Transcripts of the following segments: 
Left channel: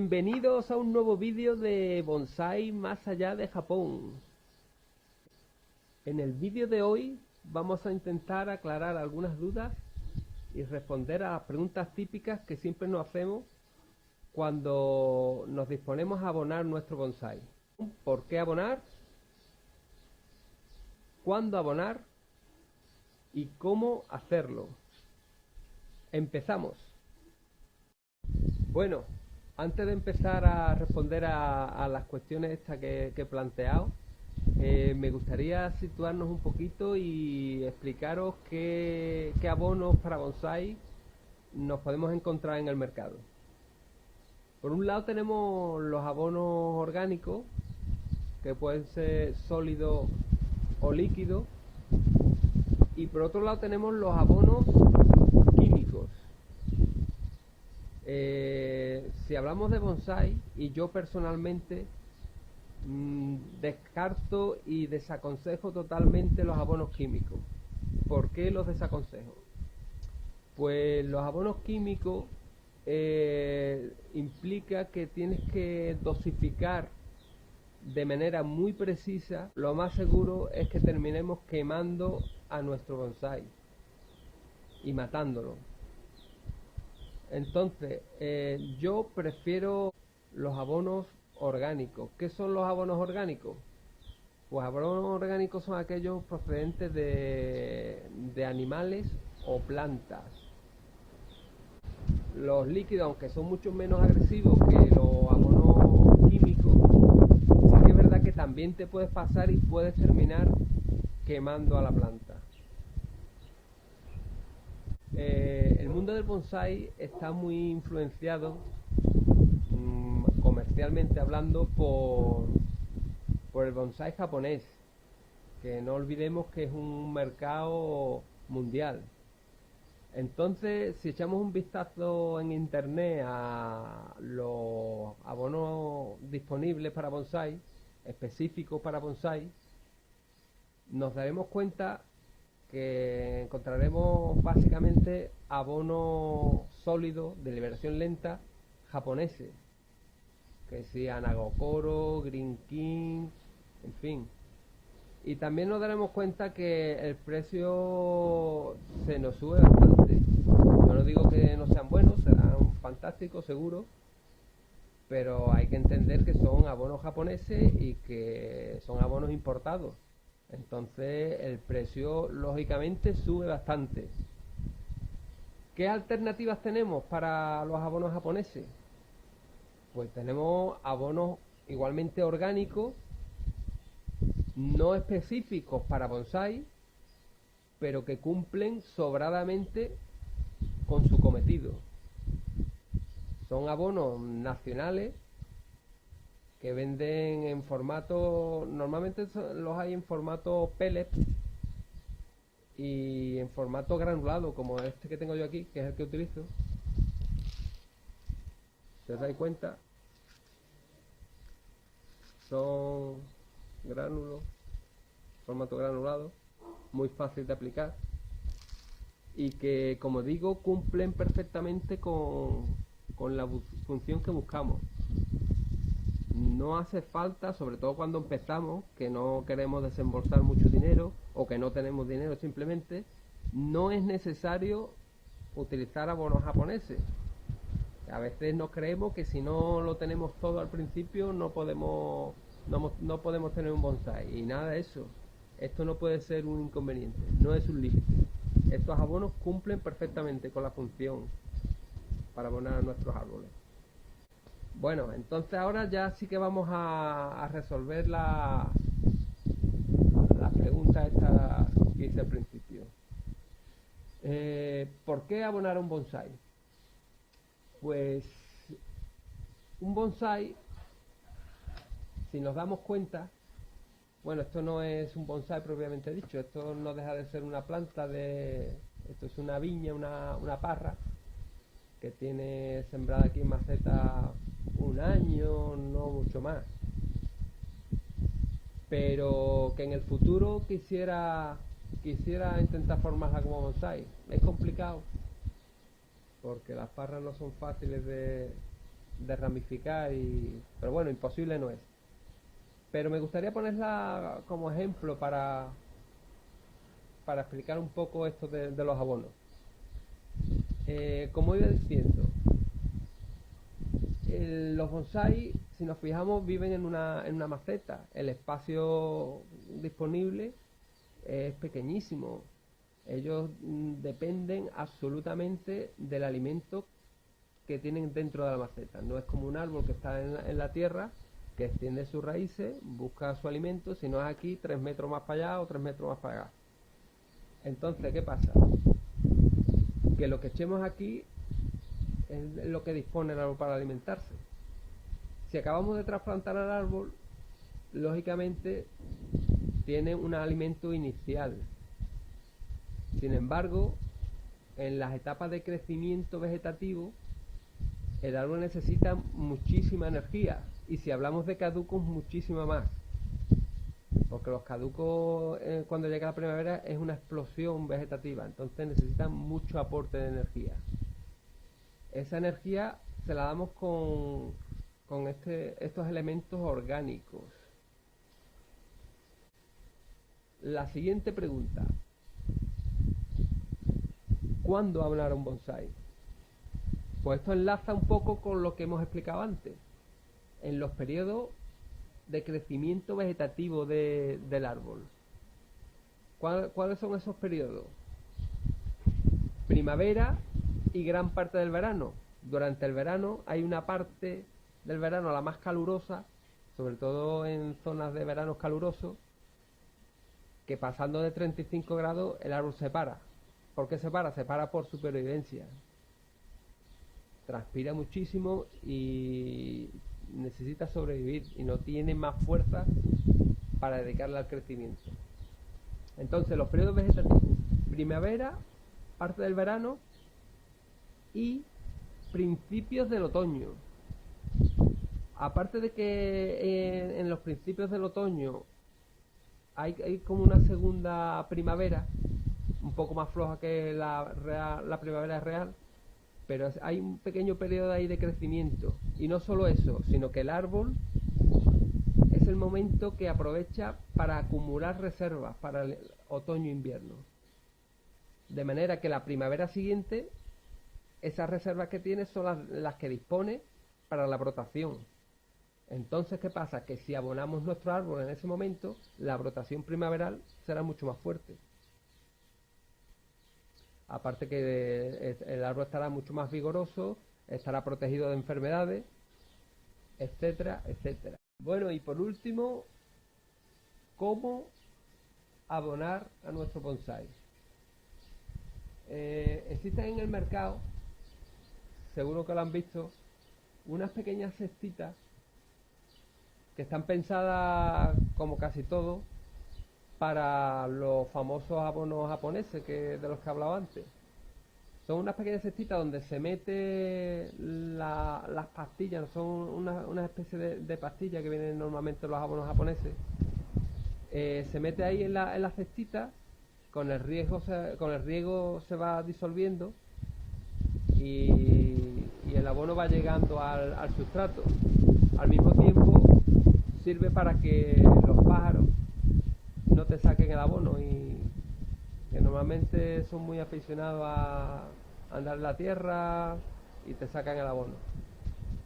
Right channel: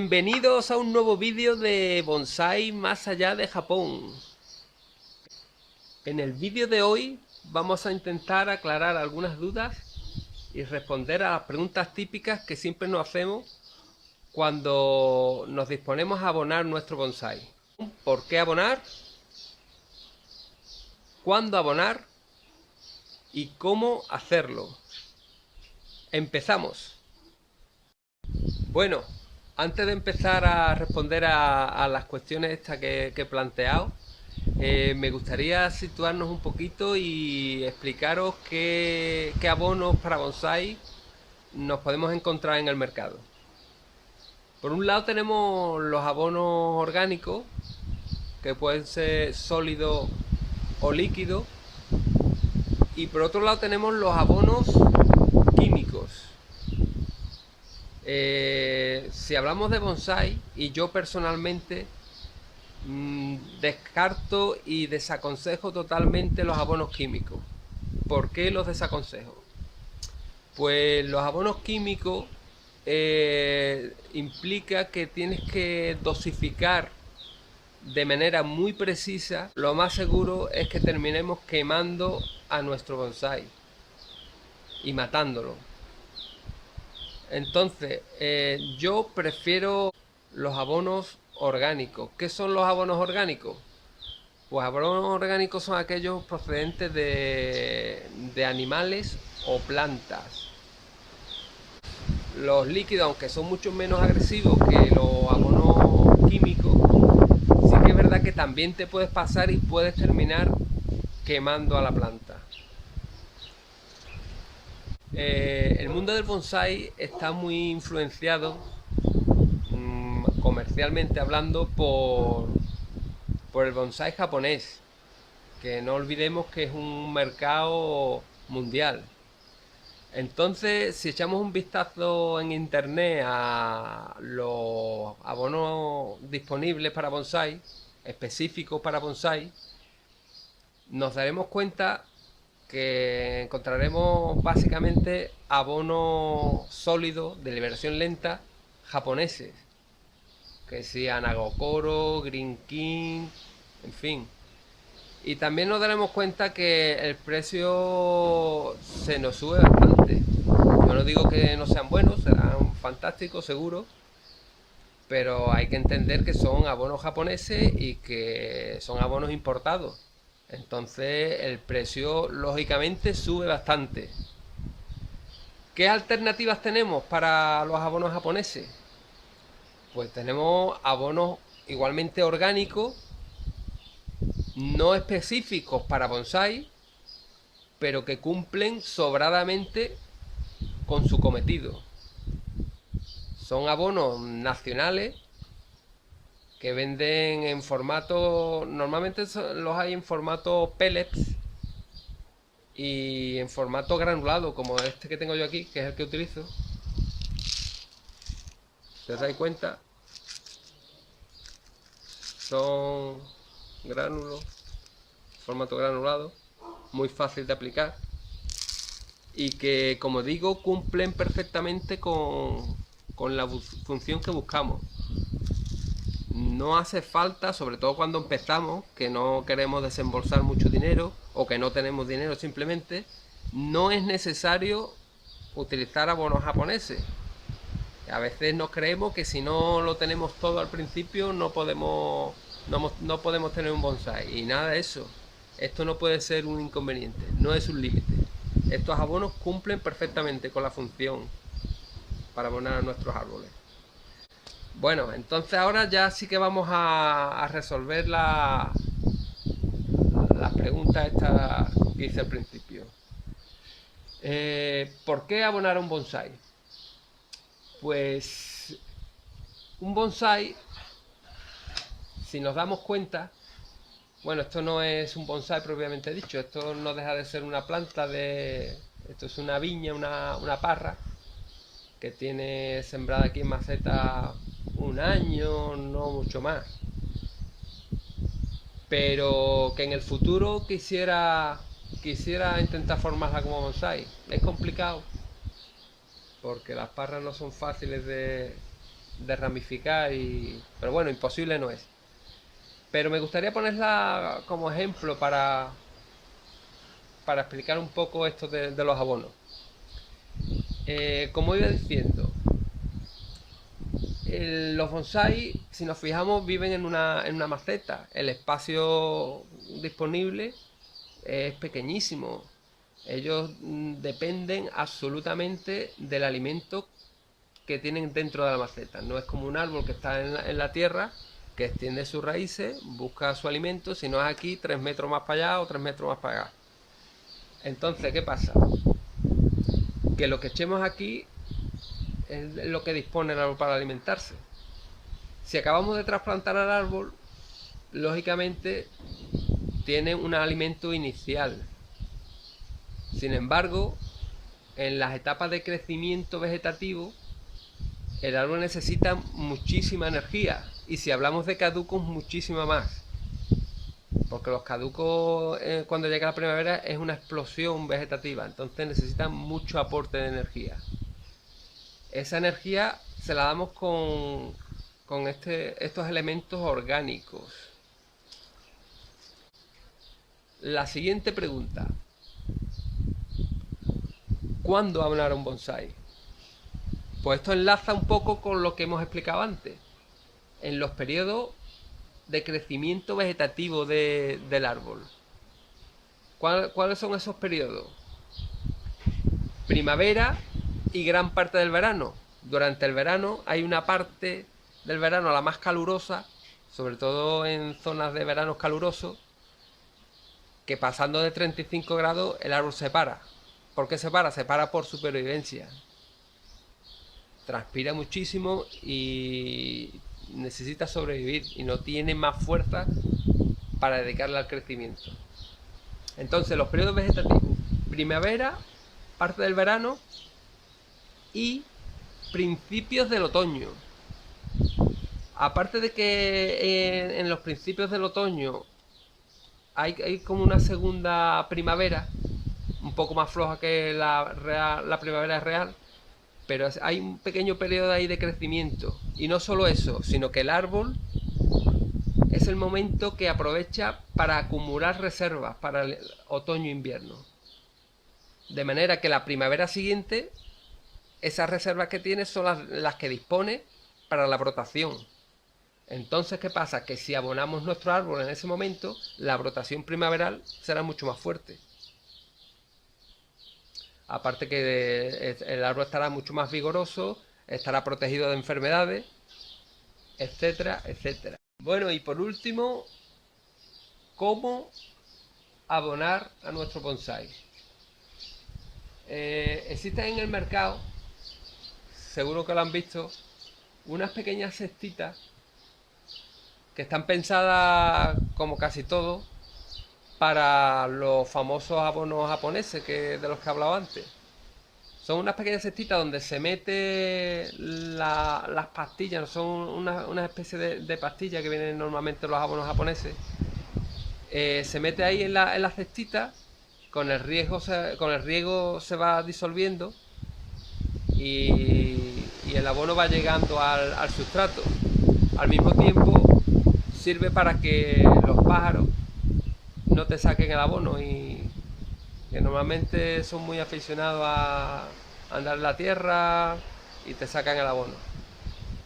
Bienvenidos a un nuevo vídeo de bonsái más allá de Japón. En el vídeo de hoy vamos a intentar aclarar algunas dudas y responder a las preguntas típicas que siempre nos hacemos cuando nos disponemos a abonar nuestro bonsái. ¿Por qué abonar? ¿Cuándo abonar? ¿Y cómo hacerlo? Empezamos. Bueno, antes de empezar a responder a las cuestiones estas que he planteado, me gustaría situarnos un poquito y explicaros qué abonos para bonsái nos podemos encontrar en el mercado. Por un lado tenemos los abonos orgánicos, que pueden ser sólidos o líquidos, y por otro lado tenemos los abonos químicos. Si hablamos de bonsái, y yo personalmente descarto y desaconsejo totalmente los abonos químicos. ¿Por qué los desaconsejo? Pues los abonos químicos implica que tienes que dosificar de manera muy precisa. Lo más seguro es que terminemos quemando a nuestro bonsái y matándolo. Entonces, yo prefiero los abonos orgánicos. ¿Qué son los abonos orgánicos? Pues abonos orgánicos son aquellos procedentes de animales o plantas. Los líquidos, aunque son mucho menos agresivos que los abonos químicos, sí que es verdad que también te puedes pasar y puedes terminar quemando a la planta. El mundo del bonsái está muy influenciado, comercialmente hablando, por el bonsái japonés, que no olvidemos que es un mercado mundial. Entonces, si echamos un vistazo en internet a los abonos disponibles para bonsái, específicos para bonsái, nos daremos cuenta que encontraremos básicamente abonos sólidos de liberación lenta japoneses, que sean Nagokoro, Green King, en fin. Y también nos daremos cuenta que el precio se nos sube bastante. Yo no digo que no sean buenos, serán fantásticos seguro, pero hay que entender que son abonos japoneses y que son abonos importados. Entonces el precio lógicamente sube bastante. ¿Qué alternativas tenemos para los abonos japoneses? Pues tenemos abonos igualmente orgánicos, no específicos para bonsái, pero que cumplen sobradamente con su cometido. Son abonos nacionales que venden en formato, normalmente los hay en formato pellets y en formato granulado, como este que tengo yo aquí, que es el que utilizo. Si os dais cuenta, son gránulos, formato granulado, muy fácil de aplicar y que, como digo, cumplen perfectamente con la función que buscamos. No hace falta, sobre todo cuando empezamos, que no queremos desembolsar mucho dinero o que no tenemos dinero simplemente, no es necesario utilizar abonos japoneses. A veces nos creemos que si no lo tenemos todo al principio no podemos tener un bonsái, y nada de eso. Esto no puede ser un inconveniente, no es un límite. Estos abonos cumplen perfectamente con la función para abonar a nuestros árboles. Bueno, entonces ahora ya sí que vamos a resolver las preguntas estas que hice al principio. ¿Por qué abonar a un bonsái? Pues un bonsái, si nos damos cuenta, bueno, esto no es un bonsái propiamente dicho, esto no deja de ser una planta esto es una viña, una parra, que tiene sembrada aquí en maceta un año, no mucho más. Pero que en el futuro quisiera intentar formarla como bonsái. Es complicado, porque las parras no son fáciles de ramificar pero bueno, imposible no es. Pero me gustaría ponerla como ejemplo para explicar un poco esto de los abonos. Como iba diciendo, los bonsai, si nos fijamos, viven en una maceta. El espacio disponible es pequeñísimo. Ellos dependen absolutamente del alimento que tienen dentro de la maceta. No es como un árbol que está en la tierra, que extiende sus raíces, busca su alimento, si no es aquí, 3 metros más para allá o 3 metros más para acá. Entonces, ¿qué pasa? Que lo que echemos aquí es lo que dispone el árbol para alimentarse. Si acabamos de trasplantar al árbol, lógicamente tiene un alimento inicial. Sin embargo, en las etapas de crecimiento vegetativo, el árbol necesita muchísima energía, y si hablamos de caducos, muchísima más, porque los caducos cuando llega la primavera es una explosión vegetativa, entonces necesitan mucho aporte de energía. Esa energía se la damos con estos elementos orgánicos. La siguiente pregunta: ¿cuándo abonar un bonsai? Pues esto enlaza un poco con lo que hemos explicado antes. En los periodos de crecimiento vegetativo del árbol. ¿Cuáles son esos periodos? Primavera y gran parte del verano. Durante el verano hay una parte del verano, la más calurosa, sobre todo en zonas de veranos calurosos, que pasando de 35 grados el árbol se para. ¿Por qué se para? Se para por supervivencia. Transpira muchísimo y necesita sobrevivir y no tiene más fuerza para dedicarle al crecimiento. Entonces, los periodos vegetativos: primavera, parte del verano y principios del otoño. Aparte de que en los principios del otoño hay como una segunda primavera, un poco más floja que la primavera real, pero hay un pequeño periodo ahí de crecimiento. Y no solo eso, sino que el árbol es el momento que aprovecha para acumular reservas para el otoño-invierno. De manera que la primavera siguiente, esas reservas que tiene son las que dispone para la brotación. Entonces, ¿qué pasa? Que si abonamos nuestro árbol en ese momento, la brotación primaveral será mucho más fuerte. Aparte que el árbol estará mucho más vigoroso, estará protegido de enfermedades, etcétera, etcétera. Bueno, y por último, ¿cómo abonar a nuestro bonsai? Existen en el mercado, seguro que lo han visto, unas pequeñas cestitas que están pensadas, como casi todo, para los famosos abonos japoneses de los que hablaba antes. Son unas pequeñas cestitas donde se mete las pastillas, son una especie de pastillas que vienen normalmente en los abonos japoneses. Se mete ahí en la cestita, con el riego se va disolviendo y el abono va llegando al sustrato. Al mismo tiempo sirve para que los pájaros no te saquen el abono, y que normalmente son muy aficionados a andar en la tierra y te sacan el abono.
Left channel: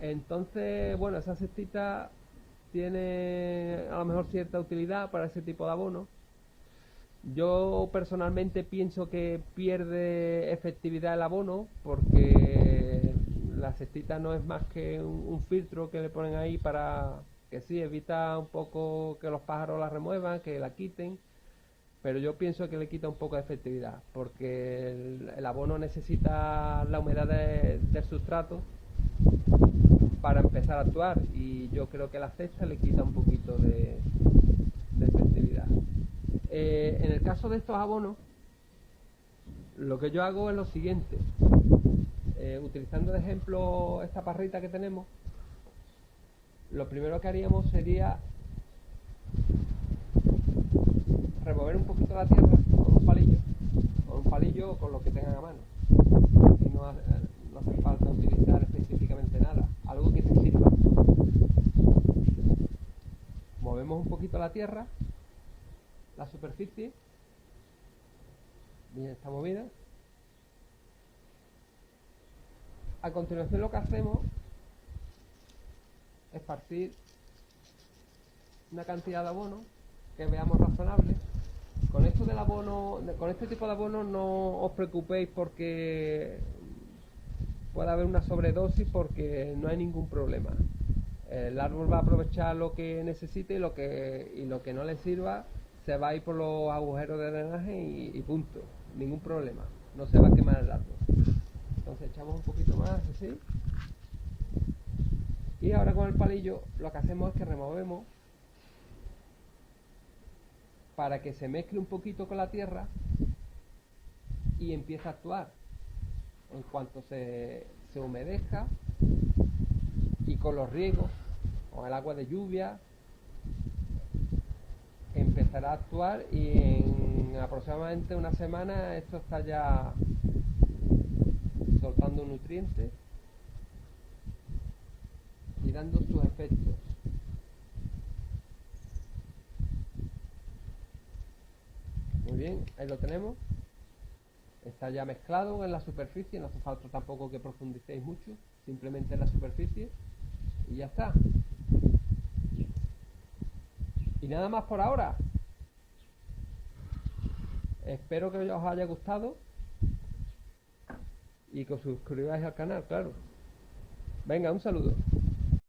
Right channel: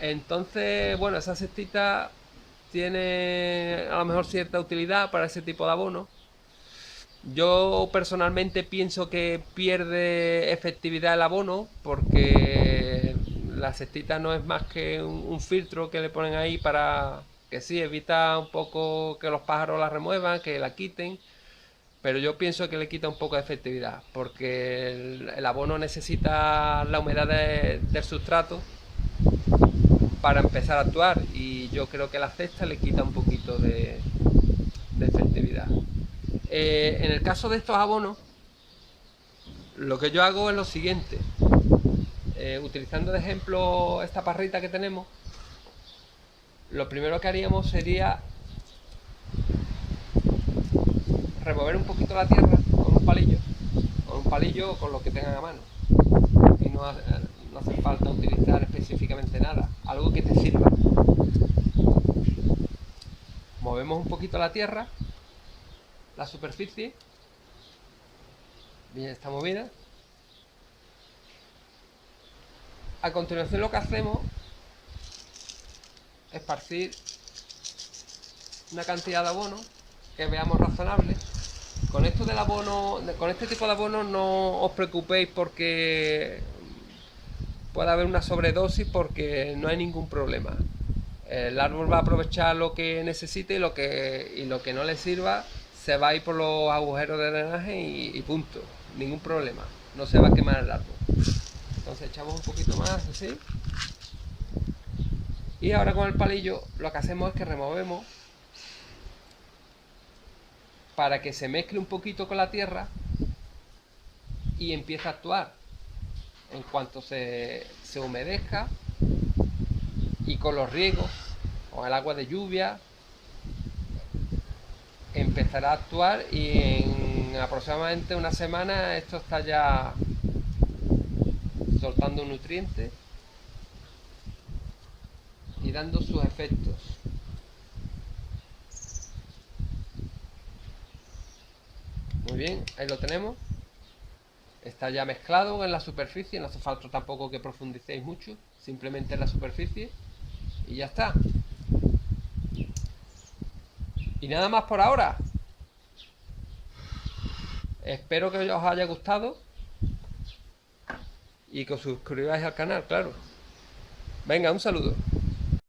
Entonces, bueno, esa cestita tiene a lo mejor cierta utilidad para ese tipo de abono. Yo personalmente pienso que pierde efectividad el abono, porque la cestita no es más que un filtro que le ponen ahí para que sí, evita un poco que los pájaros la remuevan, que la quiten, pero yo pienso que le quita un poco de efectividad, porque el abono necesita la humedad del sustrato para empezar a actuar, y yo creo que la cesta le quita un poquito de efectividad. En el caso de estos abonos, lo que yo hago es lo siguiente. Utilizando de ejemplo esta parrita que tenemos, lo primero que haríamos sería remover un poquito la tierra con un palillo o con lo que tengan a mano. Y no hace falta utilizar específicamente de nada, algo que te sirva. Movemos un poquito la tierra, la superficie, bien, está movida. A continuación lo que hacemos es esparcir una cantidad de abono que veamos razonable. Con esto del abono, con este tipo de abono no os preocupéis porque puede haber una sobredosis, porque no hay ningún problema. El árbol va a aprovechar lo que necesite y lo que no le sirva se va a ir por los agujeros de drenaje y punto. Ningún problema. No se va a quemar el árbol. Entonces echamos un poquito más así. Y ahora con el palillo lo que hacemos es que removemos para que se mezcle un poquito con la tierra y empiece a actuar. En cuanto se humedezca y con los riegos, con el agua de lluvia, empezará a actuar y en aproximadamente una semana esto está ya soltando nutrientes y dando sus efectos. Muy bien, ahí lo tenemos. Está ya mezclado en la superficie, no hace falta tampoco que profundicéis mucho, simplemente en la superficie y ya está. Y nada más por ahora. Espero que os haya gustado y que os suscribáis al canal, claro. Venga, un saludo.